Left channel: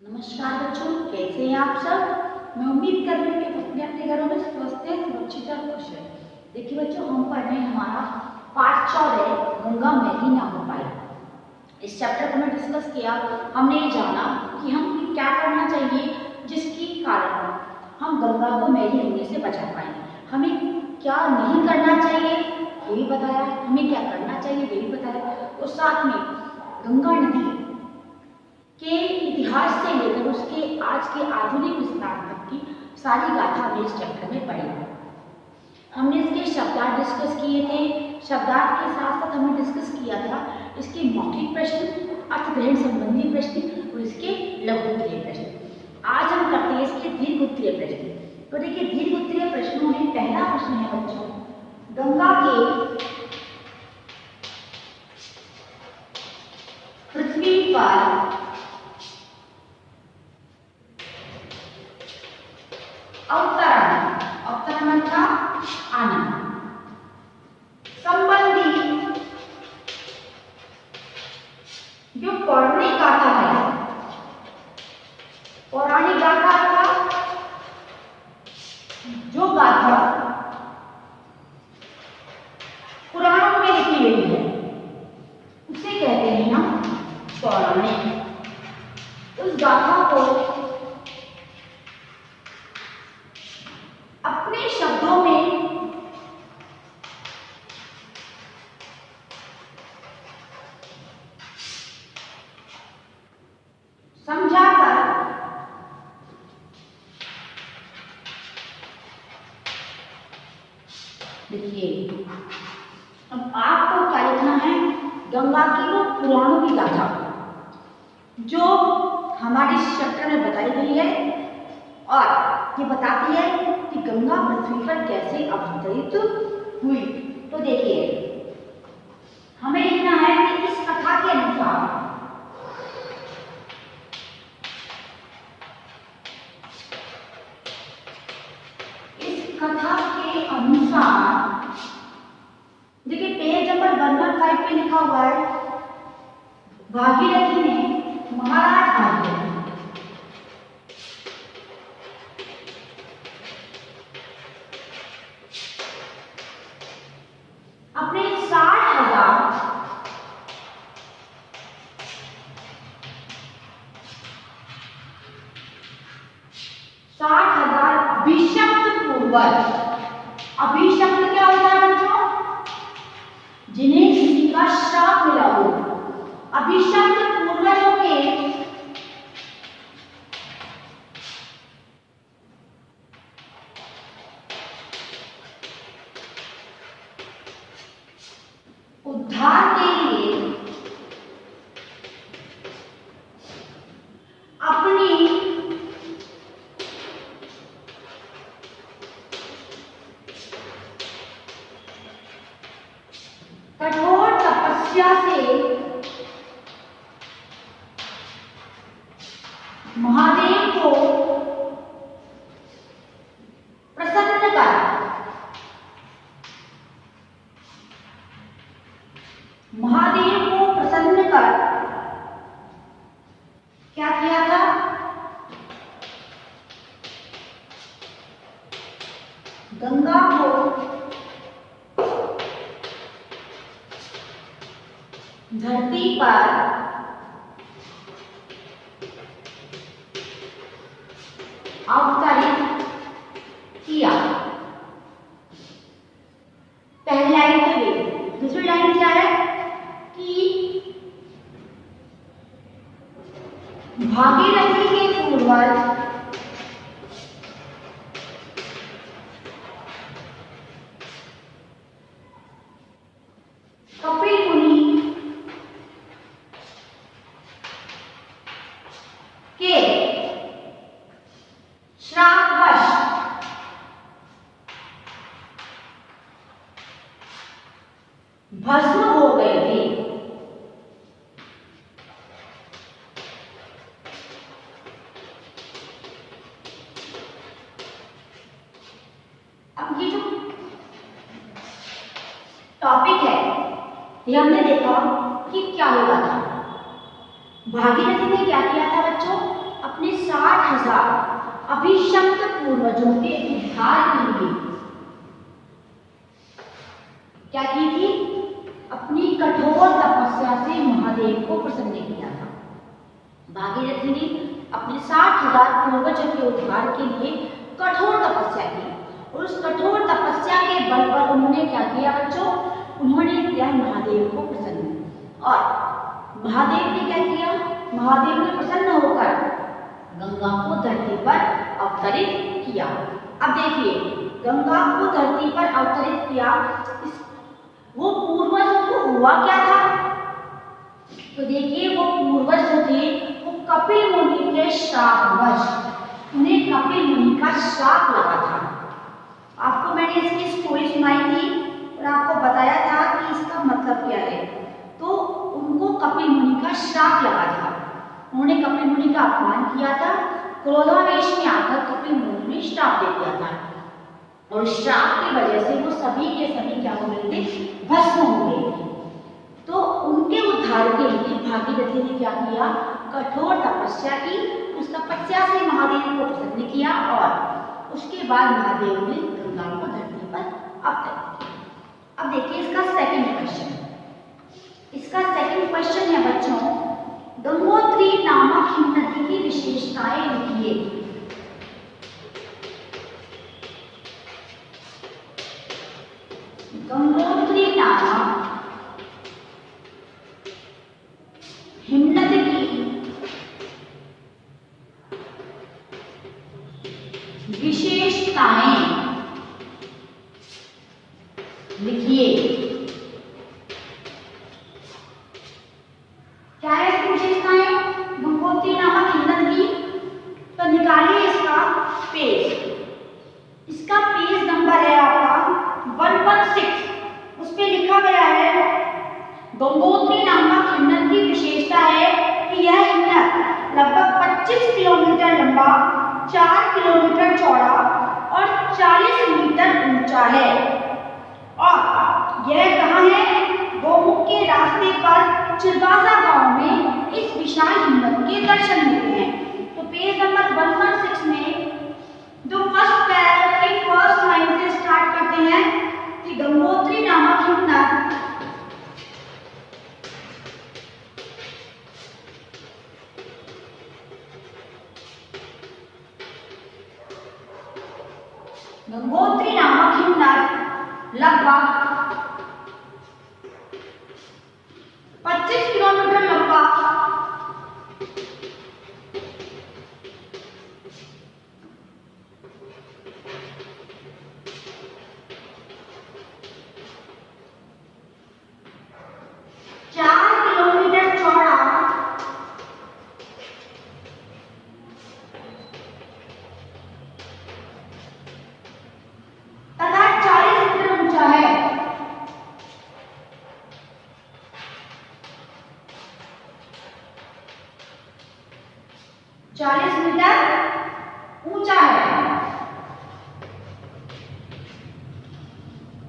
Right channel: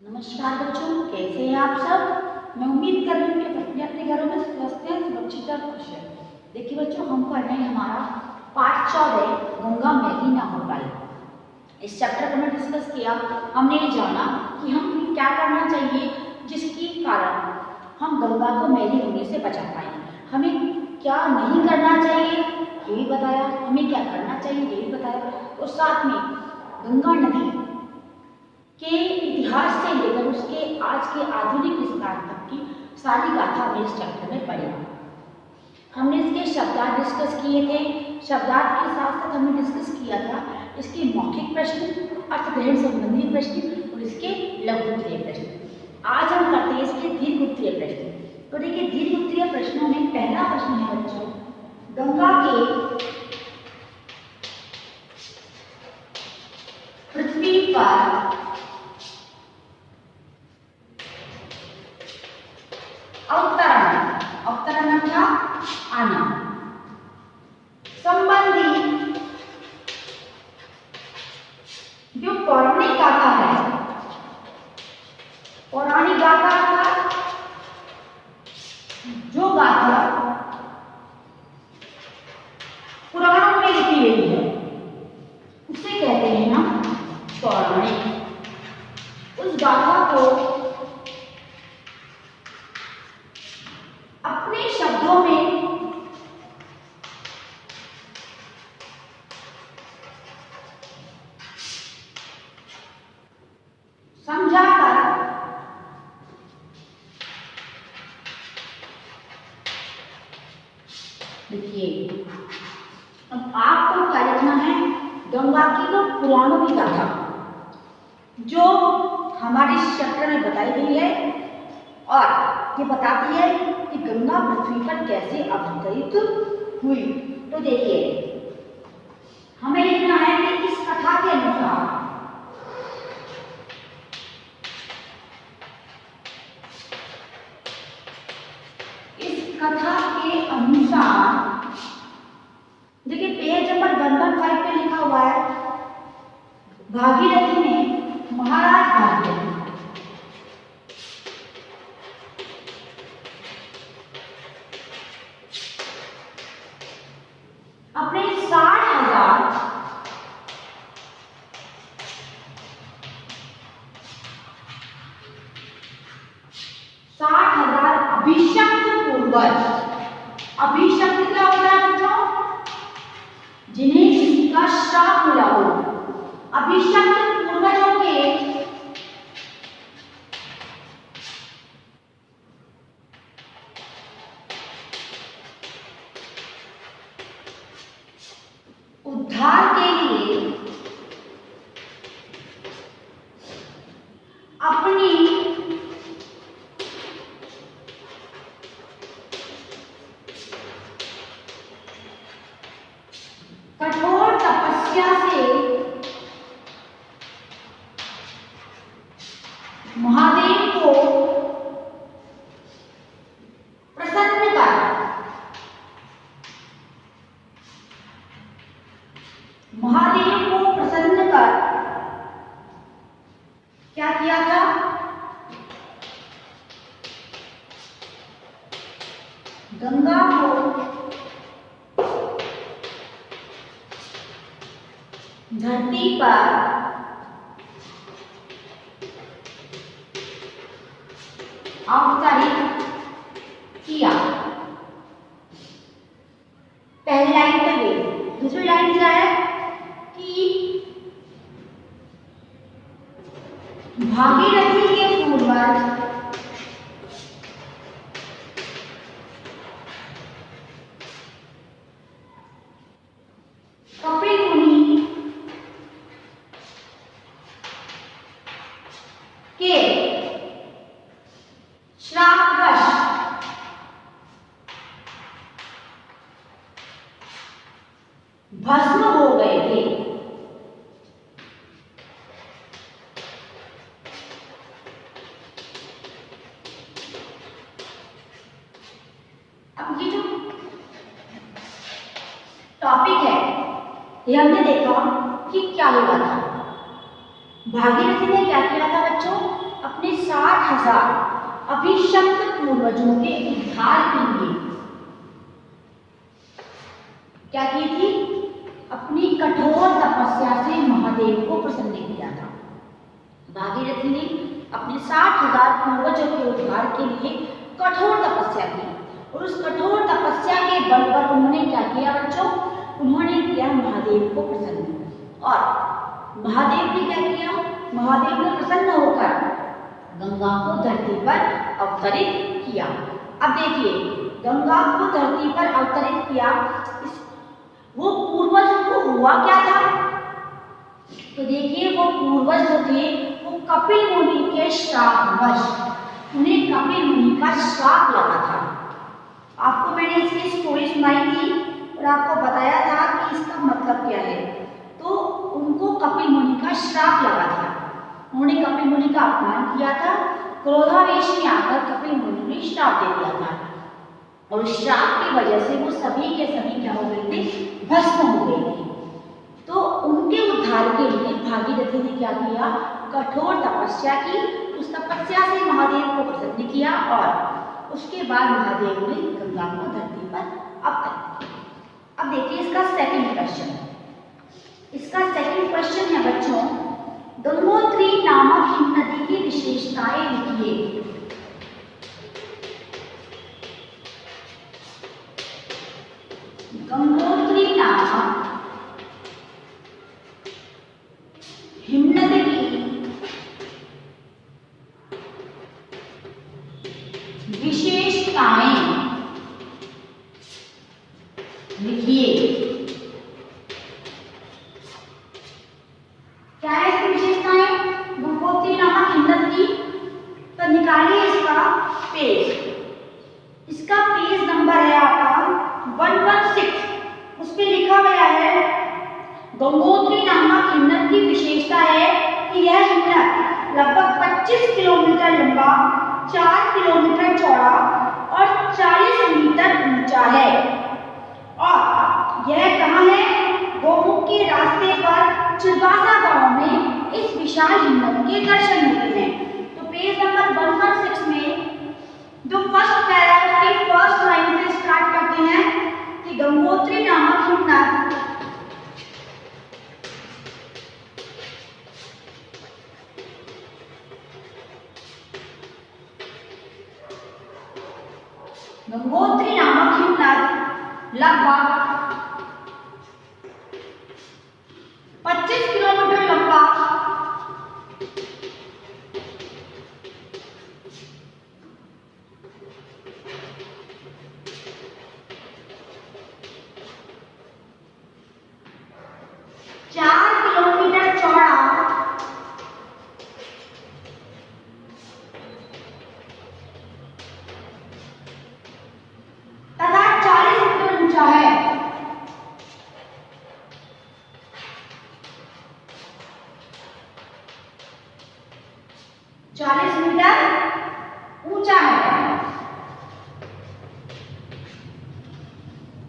नमस्कार बच्चों, कैसे हैं आप सब। मैं उम्मीद कर रही हूँ कि अपने अपने घरों में स्वस्थ हैं, सुरक्षित और खुश हैं। देखिए बच्चों, हम पढ़ रहे हैं हमारा पाठ 14 गंगा मैली ना हो पाई। इस चैप्टर को हमने डिस्कस किया। हमने ये जाना कि हम क्या करना चाहिए जिसके कारण हम गंगा को मैली होने से बचा पाए। हमें क्या नहीं करना चाहिए ये भी बताया, हमें क्या करना चाहिए ये भी बताया, और साथ में गंगा नदी के इतिहास से लेकर उसके आज के आधुनिक विस्तार तक की सारी गाथा हमने इस चैप्टर में पढ़ी। हमने इसके शब्दार्थ डिस्कस किए थे। शब्दार्थ के साथ साथ हमने डिस्कस किया था इसके मौखिक प्रश्न, अर्थग्रहण संबंधी प्रश्न और इसके लघु उत्तरीय प्रश्न। आज हम करते हैं इसके दीर्घ उत्तरीय प्रश्न। तो देखिए, दीर्घ उत्तरीय प्रश्नों में पहला प्रश्न है बच्चों, गंगा के पृथ्वी पर अवतरण था आना संबंधी जो पौराणिक गाथा है, पौराणिक गाथा का जो गाथा पुराणों में लिखी गई है उसे कहते हैं हम पौराणिक। उस गाथा को अपने शब्दों में समझाकर देखिए, अब आपको क्या लिखना है, गंगा की वो पुराणों की गाथा जो हमारे चैप्टर में बताई गई है और ये बताती है कि गंगा पृथ्वी पर कैसे अवतरित हुई। तो देखिए, हमें लिखना है कि इस कथा के अनुसार देखिए पेज नंबर 115 पे लिखा हुआ है, भागीरथी ने महाराज भागीरथी अपने 60,000 अभिषक्त पूर्वज। अभिषक्त क्या होता है बच्चों? जिन्हें किसी का श्राप मिला हो। अभिषक्त पूर्वजों के उद्धार के लिए अपनी कठोर तपस्या से महादेव को प्रसन्न कर क्या किया था, गंगा को धरती पर अवतरित किया। पहली लाइन तो ये, दूसरी लाइन क्या है कि भागीरथी के पूर्वज कपिल मुनि के श्रापवश भस्म हो गए थे। अब ये जो टॉपिक है ये हमने देखा कि क्या हुआ था। भागीरथी ने क्या किया था बच्चों, अपने 60,000 अभिशप्त पूर्वजों के उद्धार के लिए क्या की थी? अपनी कठोर तपस्या से महादेव को प्रसन्न किया था। भागीरथी ने अपने 60,000 पूर्वजों के उद्धार के लिए कठोर तपस्या की और उस कठोर तपस्या के बल पर उन्होंने क्या किया बच्चों? उन्होंने किया महादेव को प्रसन्न। और महादेव ने क्या किया? महादेव ने प्रसन्न होकर गंगा को धरती पर अवतरित किया। अब देखिए, गंगा को धरती पर अवतरित किया, वो पूर्वज को हुआ क्या था? तो देखिए, वो पूर्वज जो थे वो कपिल मुनि के श्रापवश, उन्हें कपिल मुनि का श्राप लगा था। आपको मैंने इसकी स्टोरी सुनाई थी और आपको बताया था कि इसका मतलब क्या है। तो उनको कपिल मुनि का श्राप लगा था, उन्होंने कपिल मुनि का अपमान किया था, क्रोधावेश में आकर कपिल मुनि ने श्राप दे दिया था और श्राप की वजह से वो सभी के सभी क्या हो गए थे? भस्म हो गए थे। तो उनके उद्धार के लिए भागीरथी ने क्या किया? कठोर तपस्या की। उस तपस्या से महादेव को प्रसन्न किया और उसके बाद महादेव ने गंगा को धरती पर अवतरित किया। अब देखिए इसका सेकंड क्वेश्चन। इसका सेकंड क्वेश्चन है बच्चों, गंगोत्री नामक हिमनदी की विशेषताएं लिखिए। गंगोत्री नामक हिमनदी की विशेषताएं लिखिए। क्या है इसकी विशेषताएं? गंगोत्री नामक हिमनदी की, तो निकालिए इसका पेज। इसका पेज नंबर है आपका 116। उस पे लिखा गया है गंगोत्री नामक हिमनद की विशेषता है कि यह हिमनद लगभग 25 किलोमीटर लंबा, 4 किलोमीटर चौड़ा और 40 मीटर ऊंचा है। और यह कहाँ है? गोमुख के रास्ते पर चिरबासा गांव में इस विशाल हिमनद के दर्शन मिलते हैं। तो पेज नंबर 116 में जो फर्स्ट पैराग्राफ की फर्स्ट लाइन से स्टार्ट करते हैं कि गंगोत्री नामक हिमनद लगभग 25 किलोमीटर लंबा, 4 किलोमीटर चौड़ा तथा 40 मीटर ऊंचा है।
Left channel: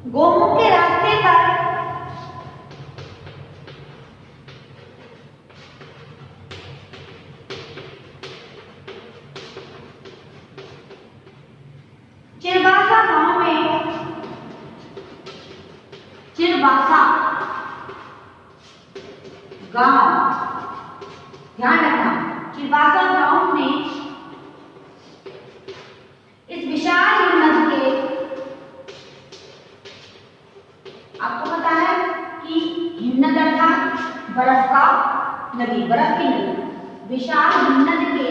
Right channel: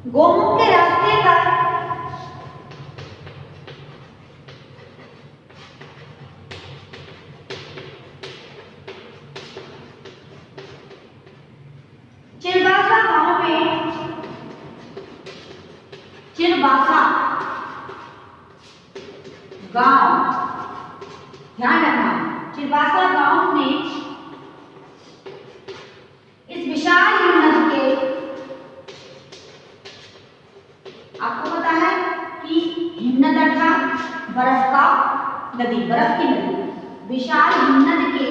गोमुख के रास्ते पर चिरबासा गांव में, चिरबासा गांव, ध्यान रखना, चिरबासा गांव में इस विशाल हिमनद के, आपको पता है कि हिमनद अर्थात बर्फ का नदी, बर्फ की नदी, विशाल हिमनद के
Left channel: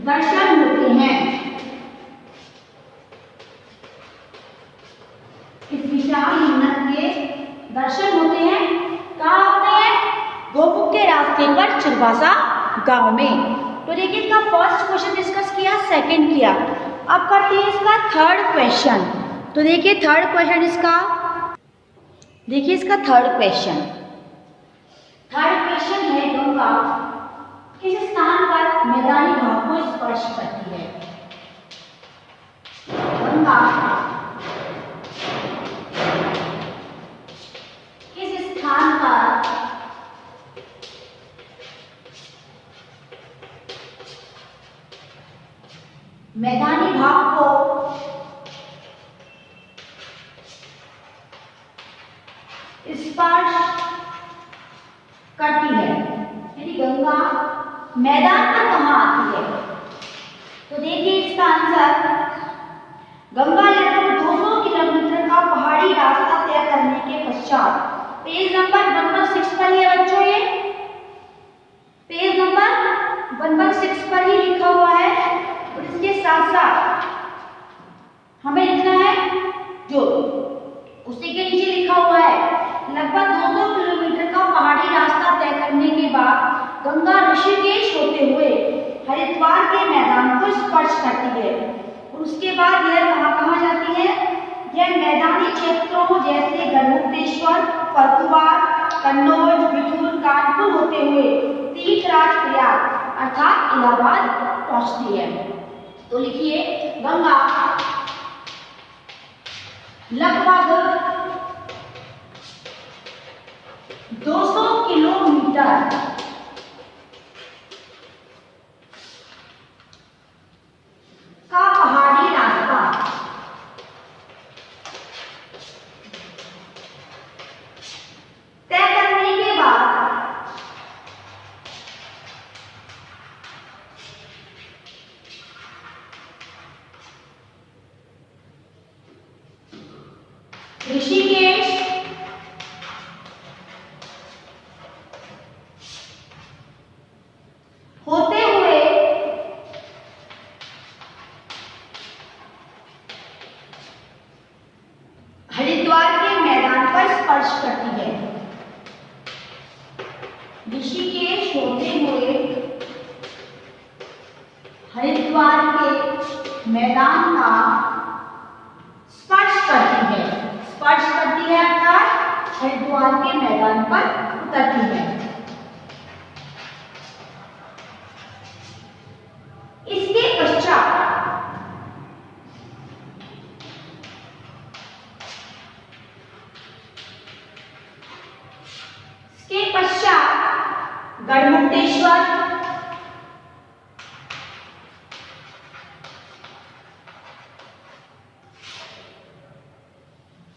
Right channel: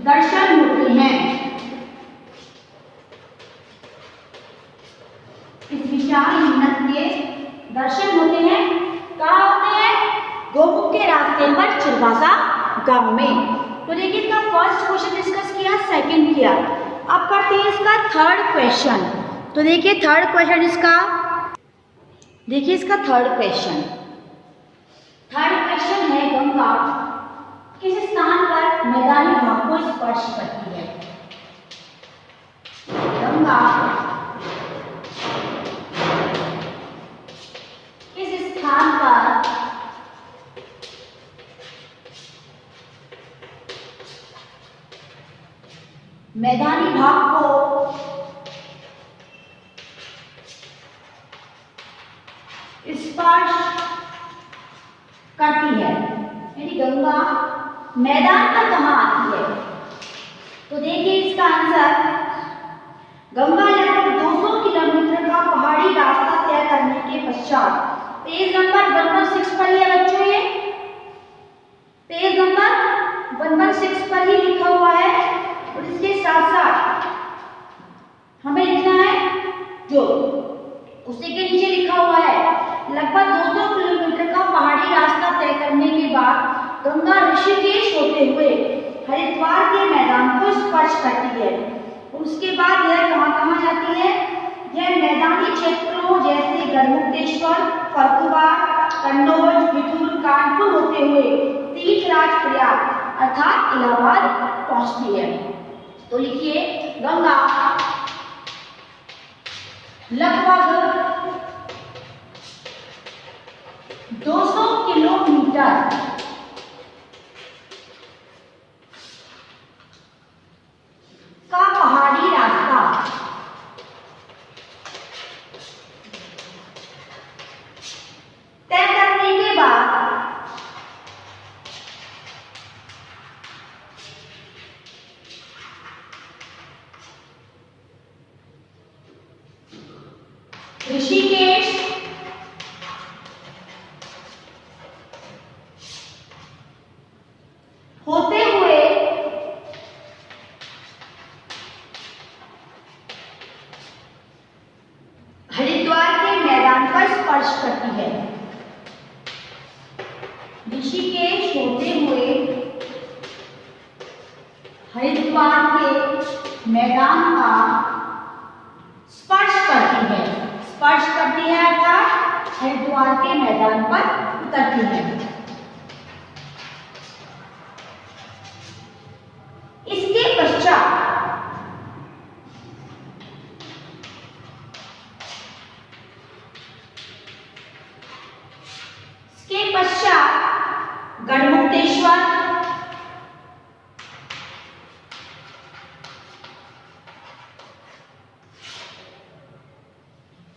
दर्शन होते हैं। इस विशाल हिमनद के दर्शन होते हैं। कहाँ होते हैं? गोमुख के रास्ते पर चिरबासा गांव में। तो देखिए इसका फर्स्ट क्वेश्चन डिस्कस किया, सेकंड किया। अब करते हैं इसका थर्ड क्वेश्चन। तो देखिए थर्ड क्वेश्चन इसका, देखिए इसका थर्ड क्वेश्चन। थर्ड क्वेश्चन है गंगा किस स्थान पर मैदानी भाग को स्पर्श करती है? गंगा किस स्थान पर मैदानी भाग को स्पर्श करती है। यानी गंगा मैदान पर कहाँ आती है? तो देखिए इसका आंसर, गंगा लगभग 200 किलोमीटर का पहाड़ी रास्ता तय करने के पश्चात, पेज नंबर 116 पर है बच्चों, ये पेज नंबर 116 पर ही लिखा हुआ है। और इसके साथ साथ हमें लिखना है जो उसी के नीचे लिखा हुआ है, लगभग 200 किलोमीटर का पहाड़ी रास्ता तय करने के बाद गंगा ऋषिकेश होते हुए हरिद्वार के मैदान को स्पर्श करती है। उसके बाद यह कहाँ जाती है? यह मैदानी क्षेत्रों जैसे गढ़मुक्तेश्वर, फर्रुखाबाद, कन्नौज, बिठूर, कानपुर होते हुए तीर्थराज प्रयाग अर्थात इलाहाबाद पहुंचती है। तो लिखिए गंगा लगभग 200 किलोमीटर का पहाड़ी रास्ता तय करने के बाद ऋषिकेश होते हुए हरिद्वार के मैदान पर स्पर्श करती है। ऋषिकेश होते हुए हरिद्वार के मैदान का स्पर्श करती है। स्पर्श करती है अर्थात हरिद्वार के मैदान पर उतरती है। इसके पश्चात गढ़मुक्तेश्वर,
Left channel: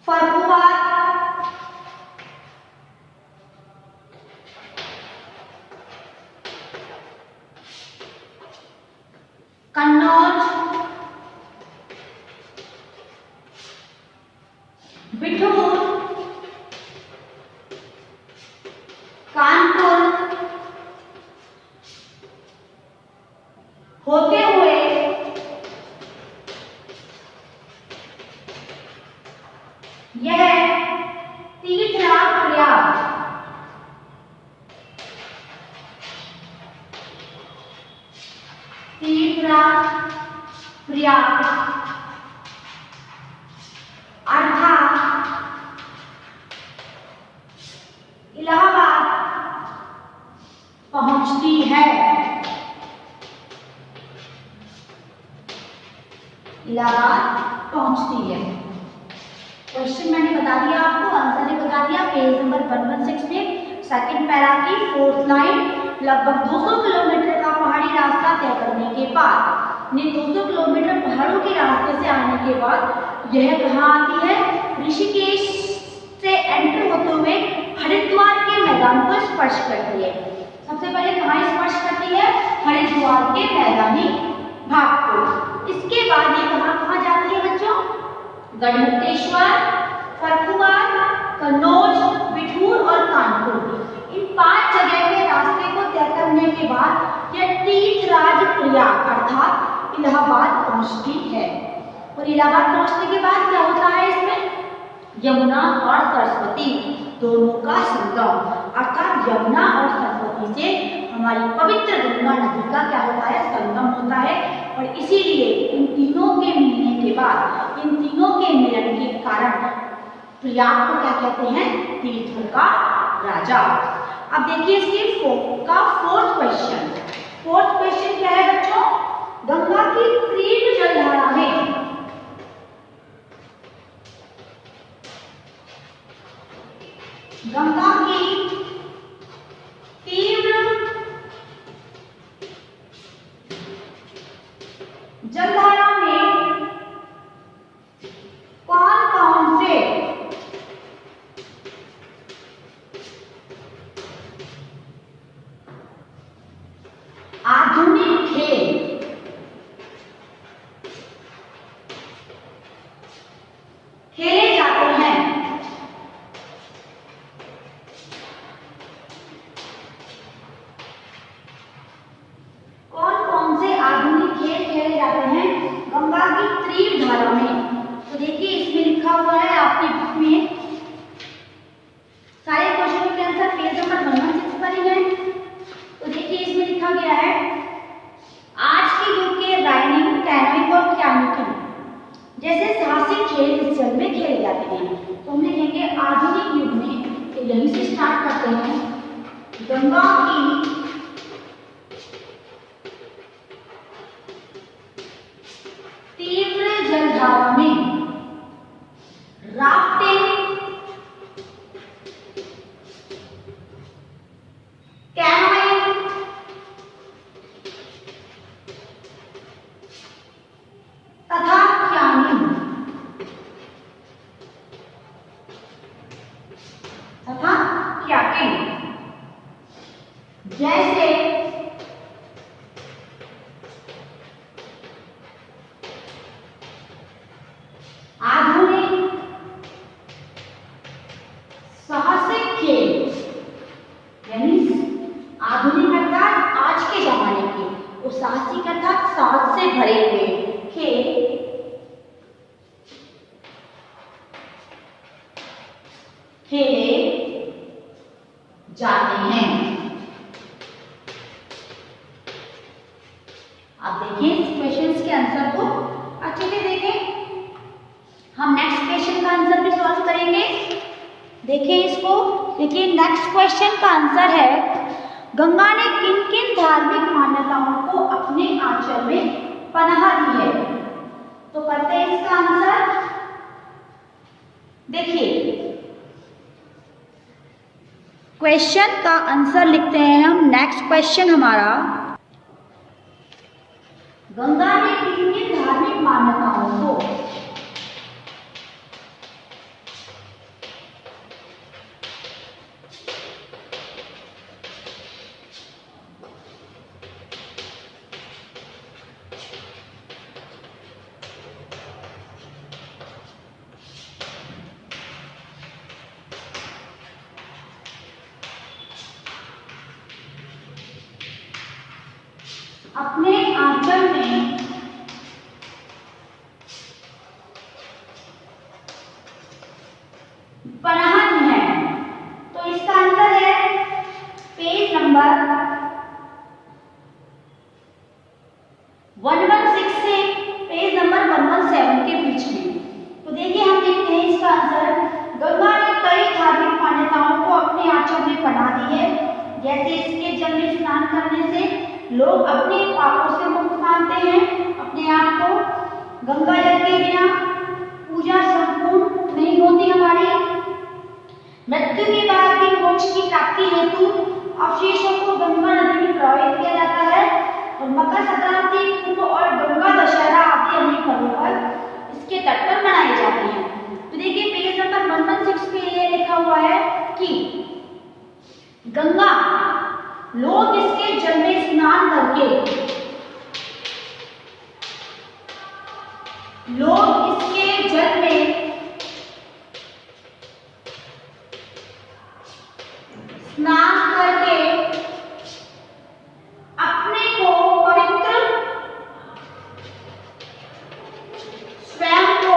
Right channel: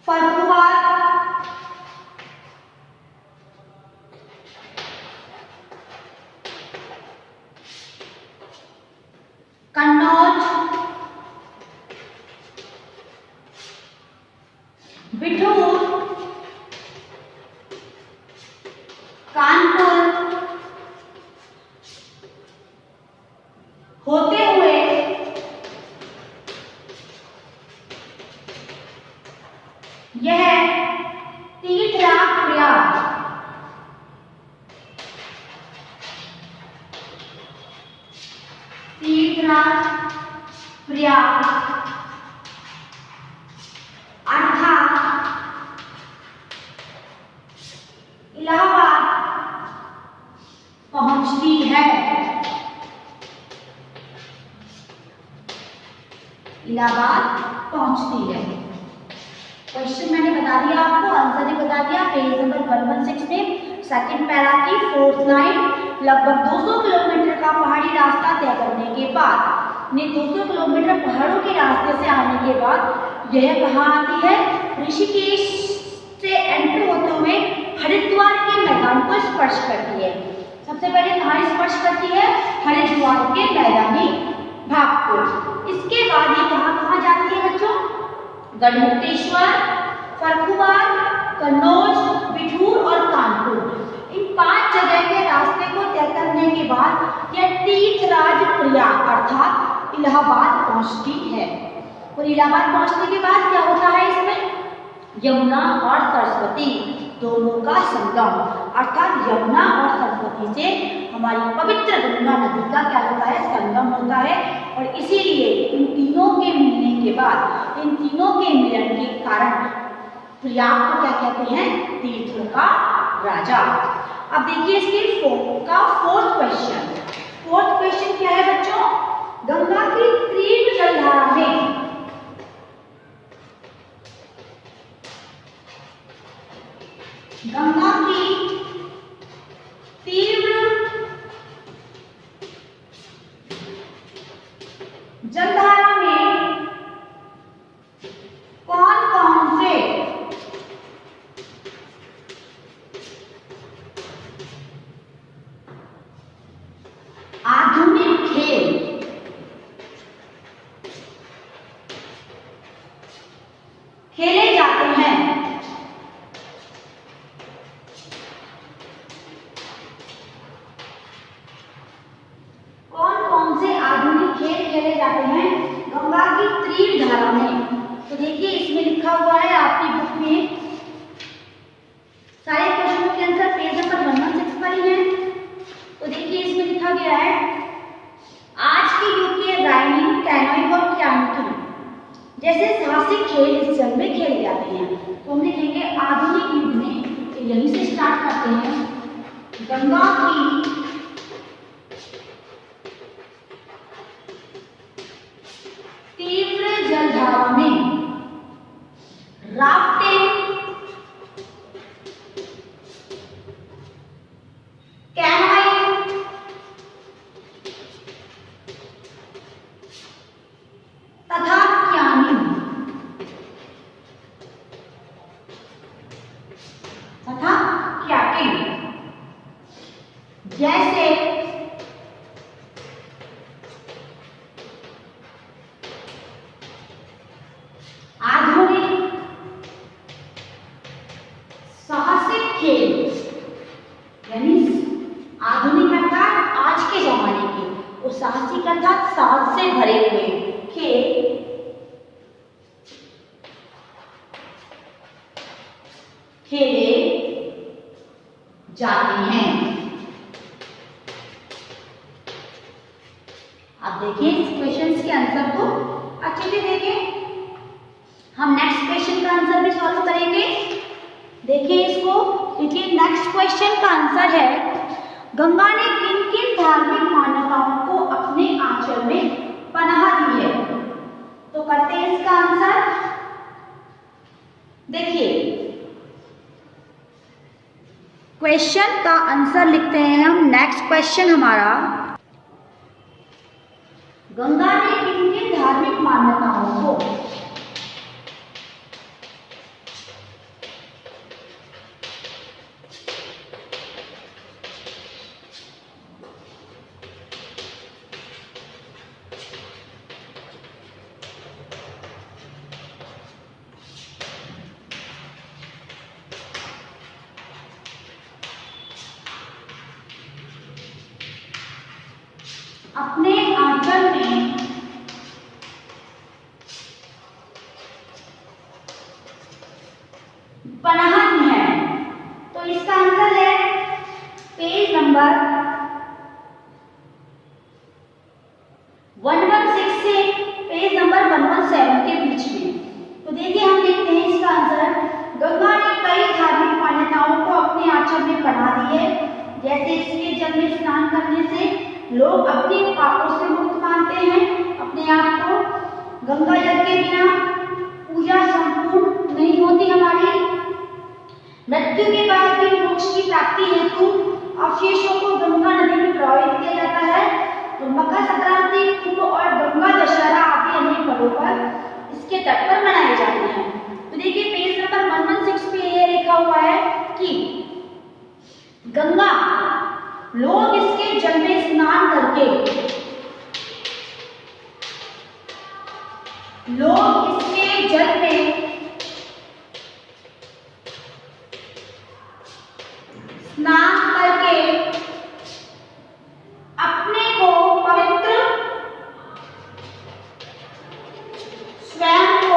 फर्रुखाबाद, कन्नौज, बिठूर, कानपुर होते हुए यह तीर्थराज प्रयाग अर्थात इलाहाबाद पहुंचती है। इलाहाबाद पहुंचती है। क्वेश्चन मैंने बता दिया आपको, आंसर ने बता दिया पेज नंबर 116 में सेकंड पैरा की 4th लाइन, लगभग 200 किलोमीटर का पहाड़ी रास्ता तय करने के बाद, 200 किलोमीटर पहाड़ों के रास्ते से आने के बाद यह कहाँ आती है? ऋषिकेश से एंटर होते हुए हरिद्वार के मैदान को स्पर्श करती है। सबसे पहले कहाँ स्पर्श करती है? हरिद्वार के मैदानी भाग को। इसके बाद ये कहाँ जाती है बच्चों? गढ़मुक्तेश्वर, फर्रुखाबाद, कन्नौज, बिठूर और कानपुर, इन 5 जगह के रास्ते को तय करने के बाद यह तीर्थराज प्रयाग अर्थात इलाहाबाद पहुंचती है। और इलाहाबाद पहुंचने के बाद क्या होता है? इसमें यमुना और सरस्वती दोनों का संगम, अर्थात यमुना और सरस्वती से हमारी पवित्र गंगा नदी का क्या होता है? संगम होता है। और इसीलिए इन तीनों के मिलने के बाद, इन तीनों के मिलन के कारण प्रयाग को क्या कहते हैं? तीर्थों का राजा। अब देखिए इसकी 4th क्वेश्चन। 4th क्वेश्चन क्या है बच्चों? गंगा की तीव्र जलधारा में गंगा की तीव्र जलधारा गंगा की तीव्र जलधारा में राफ्टिंग, कैनोइंग, तथा क्याकिंग जैसे आधुनिक साहसिक खेल, यानी आधुनिक अर्थात आज के जमाने के, और साहसिक अर्थात साहस से भरे हुए खेल खेले जाते हैं। आप देखिए इस क्वेश्चन के आंसर को अच्छे से देखें। हम नेक्स्ट क्वेश्चन का आंसर भी सॉल्व करेंगे। देखिए इसको, देखिए नेक्स्ट क्वेश्चन का आंसर है, गंगा ने किन किन धार्मिक मान्यताओं को अपने आंचल में पनाह दी है। तो करते हैं इसका आंसर। देखिए क्वेश्चन का आंसर लिखते हैं हम। नेक्स्ट क्वेश्चन हमारा, गंगा ने किन किन धार्मिक मान्यताओं को अपने आंचल में पनाह दी है। तो इसका आंसर है पेज नंबर 116 से पेज नंबर 117 के बीच में। तो देखिए हम देखते हैं इसका आंसर, गंगा ने कई धार्मिक मान्यताओं को अपने आंचल में पनाह दी है। जैसे इसके जल में स्नान करने से लोग अपने पापों से मुक्त मानते हैं अपने आप को। गंगा जल के बिना पूजा संपूर्ण नहीं होती हमारी। मृत्यु के बाद भी मोक्ष की प्राप्ति हेतु अवशेषों को गंगा नदी में प्रवाहित किया जाता है। और मकर संक्रांति, कुंभ और गंगा दशहरा आदि अन्य पर्वों पर इसके तट पर मनाए जाते हैं। तो देखिए पेज नंबर 116 पे ये लिखा हुआ है कि गंगा, लोग इसके जल में स्नान करके, लोग इसके जल में स्नान करके अपने को पवित्र, स्वयं को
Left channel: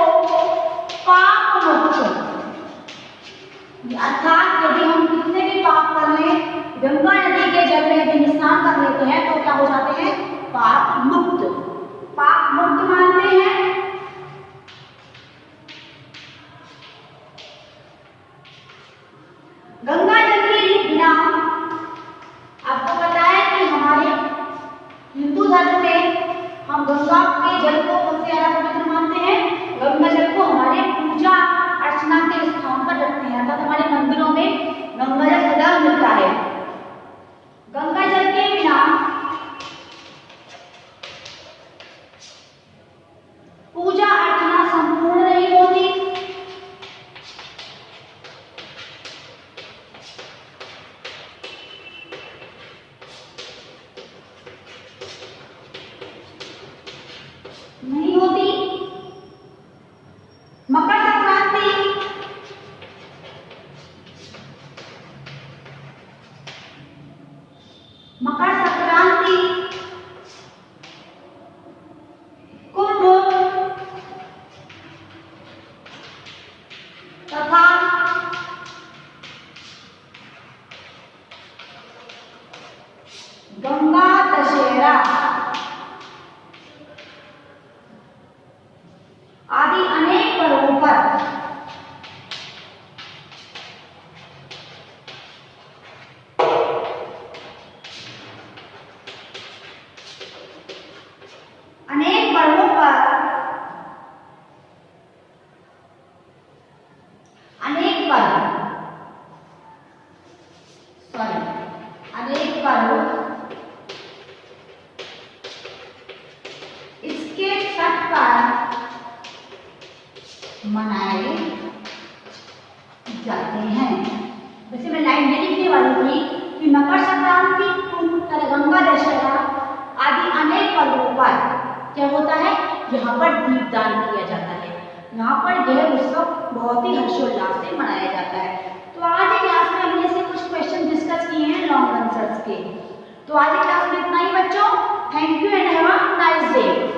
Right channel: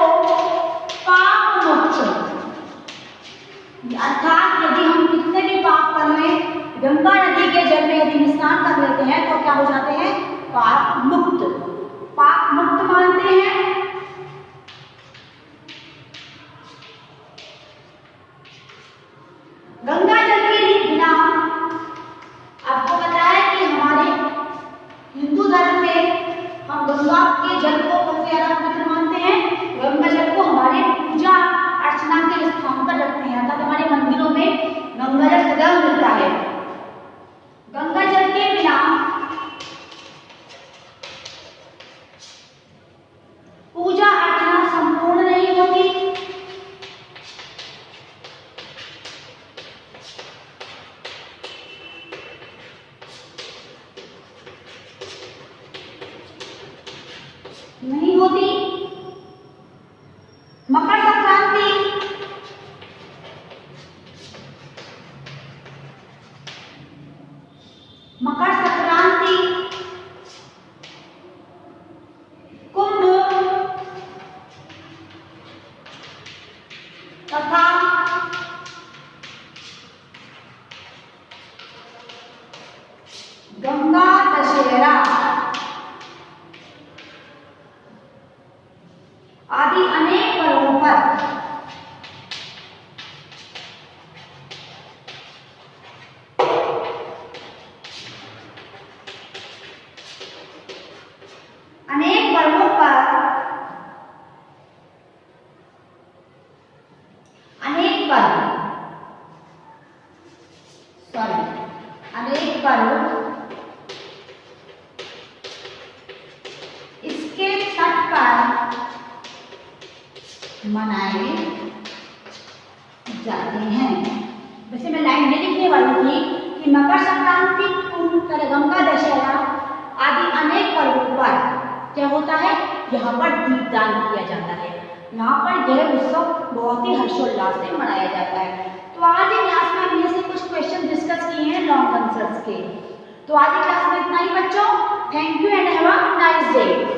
पाप मुक्त, अर्थात यदि हम कितने भी पाप कर लें, गंगा नदी के जल में यदि स्नान कर लेते हैं तो क्या हो जाते हैं? पाप मुक्त, पाप मुक्त मानते हैं। गंगा जल के बिना, आपको पता है कि हमारे हिंदू धर्म में हम गंगा के जल को सबसे ज्यादा पवित्र मानते हैं। गंगा जल को हमारे पूजा अर्चना के स्थान पर रखते हैं, अर्थात हमारे मंदिरों में गंगा जल सदैव मिलता है। गंगा जल के बिना पूजा अर्चना संपूर्ण नहीं होती। नहीं होती। मकर संक्रांति, मकर संक्रांति, कुंभ तथा गंगा दशहरा आदि अनेक पर्वों पर क्या होता है, यहाँ पर दीपदान किया जाता है। यहाँ पर यह उत्सव बहुत ही हर्षोल्लास से मनाया जाता है। तो आज की क्लास में हमने से कुछ क्वेश्चन डिस्कस किए हैं लॉन्ग आंसर्स के। तो आज की क्लास में इतना ही बच्चों। Thank you and have a nice day.